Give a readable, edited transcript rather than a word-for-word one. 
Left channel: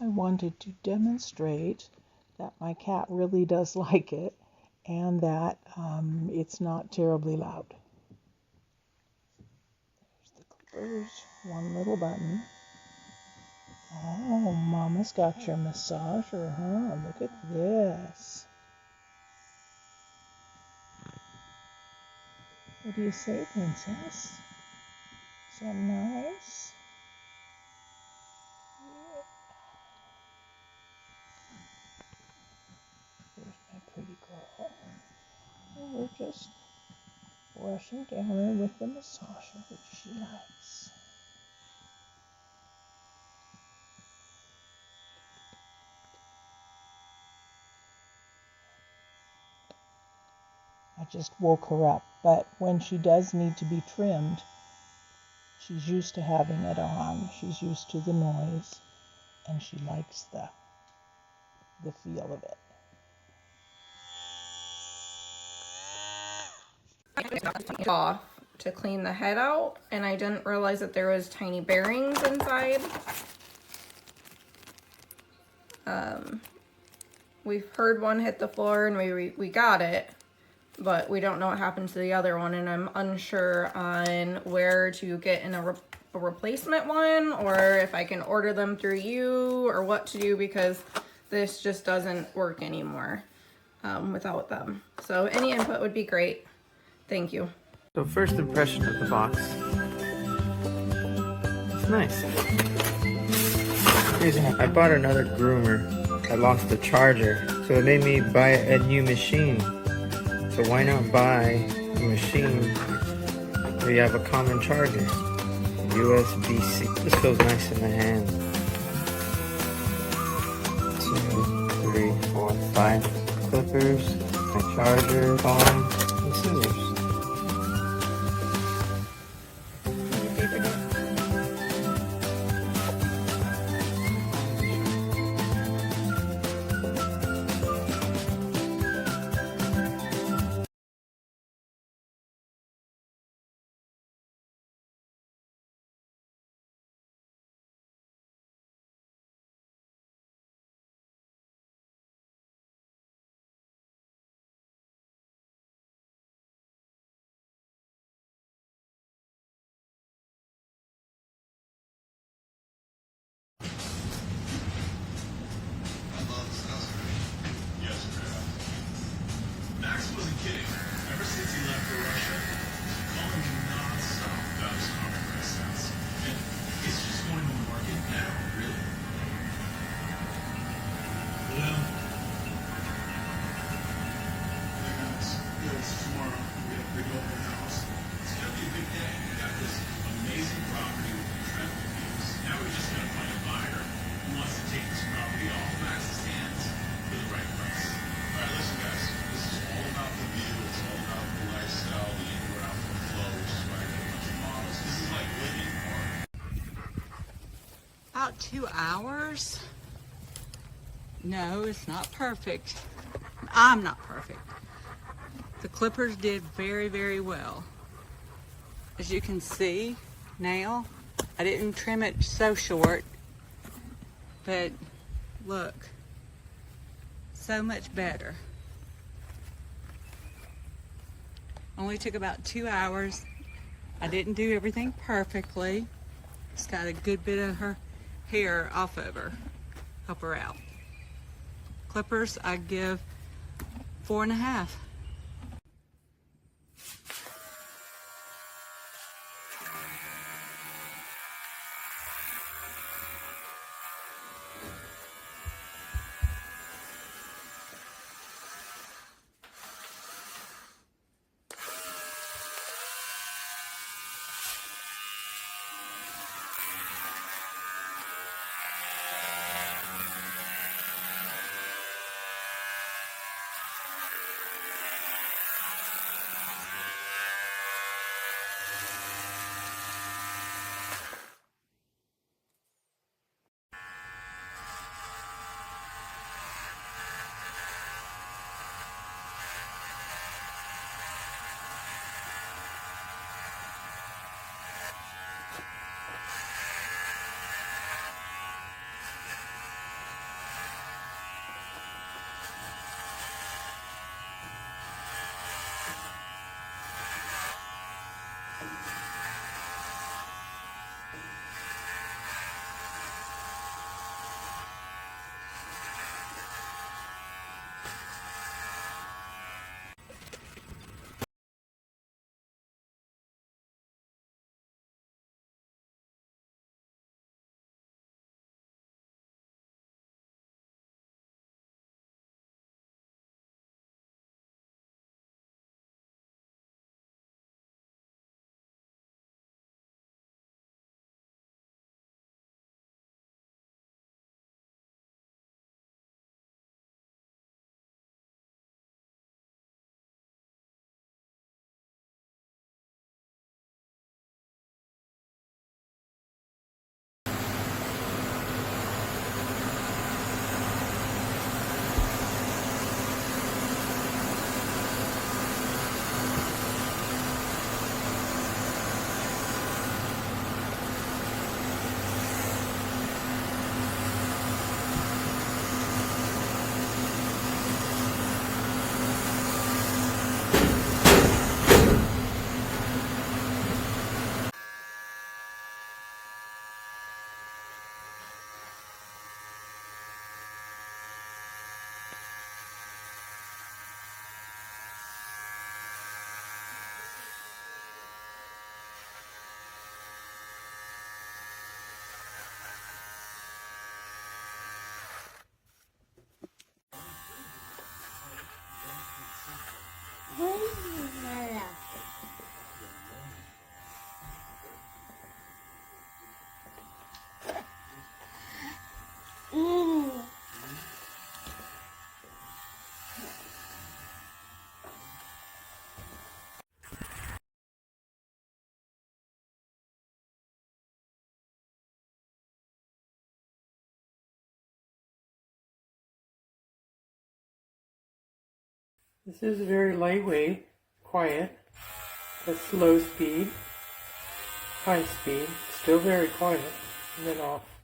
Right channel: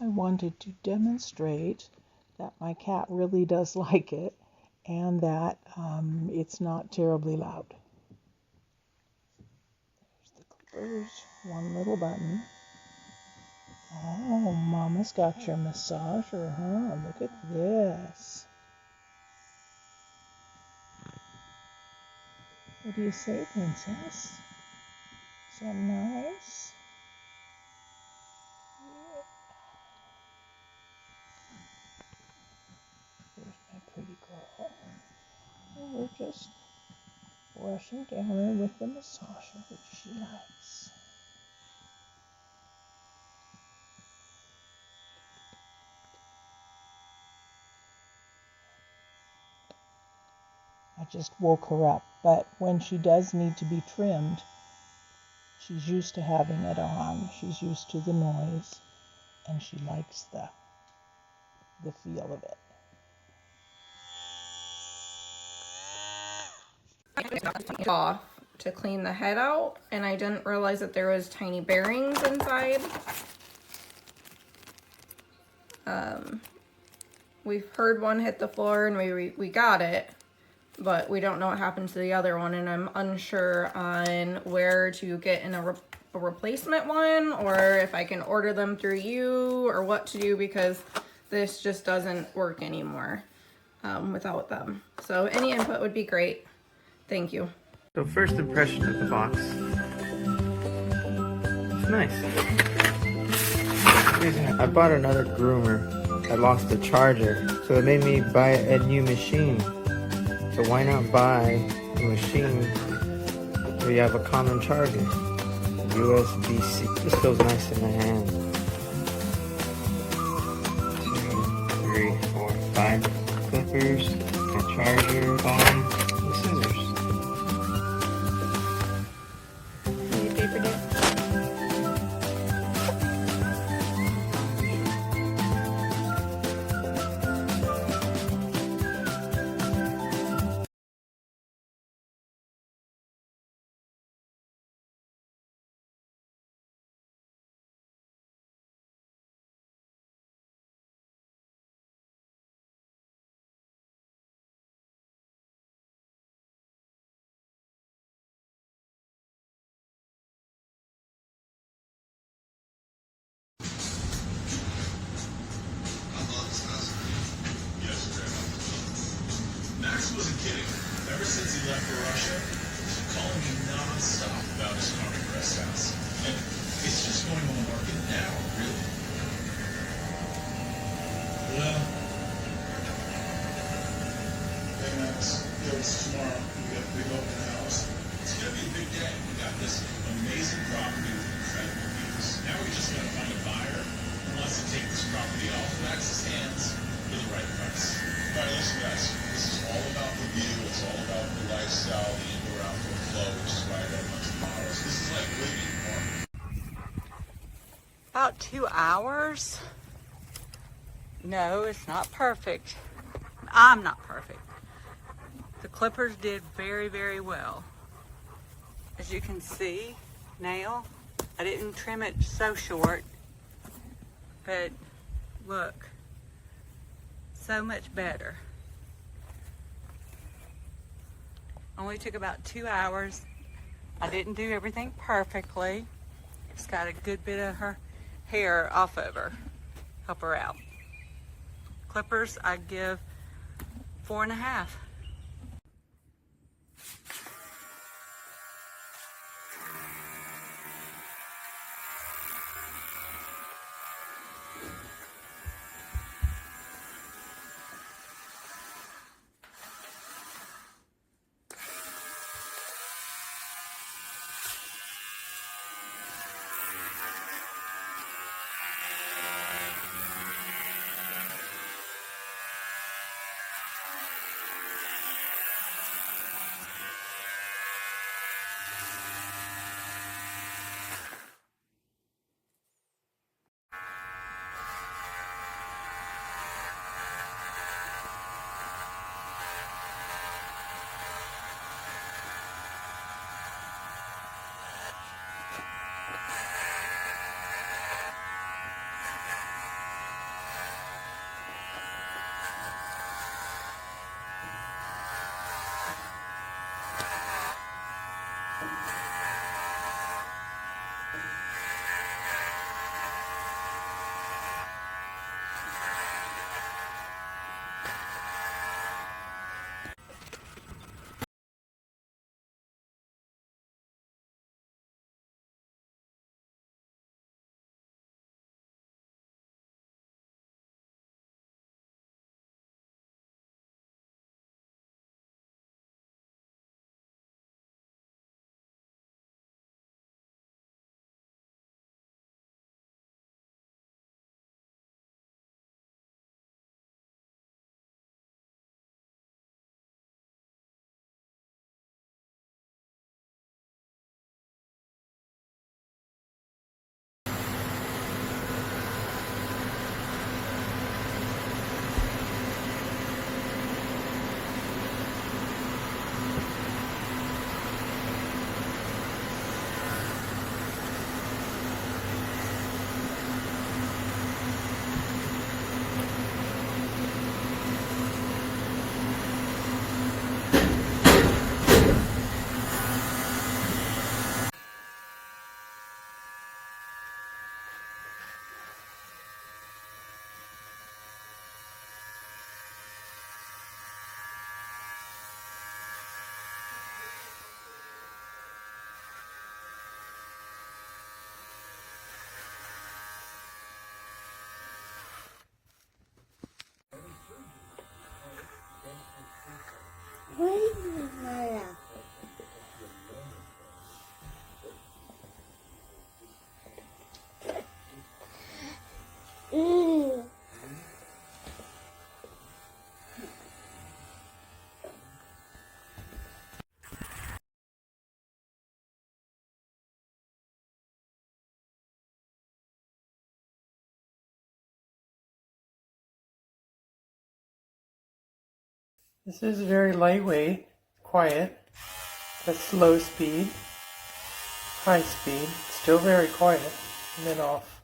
I wanted to demonstrate that my cat really does like it and that it's not terribly loud. There's the clippers, one little button. Oh, Mama's got your massager, huh? Look at this. What do you say, Princess? Is that nice? There's my pretty girl. And we're just brushing down her with the massager, which she likes. I just woke her up, but when she does need to be trimmed, she's used to having it on. She's used to the noise, and she likes the feel of it. Off to clean the head out, and I didn't realize that there was tiny bearings inside. We've heard one hit the floor and we got it, but we don't know what happened to the other one, and I'm unsure on where to get in a replacement one, or if I can order them through you, or what to do, because this just doesn't work anymore without them. So any input would be great. Thank you. So first impression of the box. It's nice. I bought another groomer. I lost the charger, so it made me buy a new machine. So why not buy a machine where you have a common charger? USB-C. This feels nice in the hand. 2, 3, 4, 5 clippers, a charger, phone, and scissors. Max wasn't kidding. Ever since he left for Russia, he's been calling me non-stop about his progress stats. And it's just going to market now, really. Well, hey Max, there's tomorrow. We have a big open house. It's going to be a big day. We got this amazing property with incredible views. Now we're just going to find a buyer who wants to take this property off Max's hands for the right price. All right, listen, guys. This is all about the view. It's all about the lifestyle, the indoor-outdoor flow, which is why I got a bunch of models. This is like living. About 2 hours. No, it's not perfect. I'm not perfect. The clippers did very, very well. As you can see now, I didn't trim it so short, but look, so much better. Only took about 2 hours. I didn't do everything perfectly. Just got a good bit of her hair off of her. Help her out. Clippers, I give 4.5. This is very lightweight, quiet. That's low speed, high speed, still very quiet, and then off.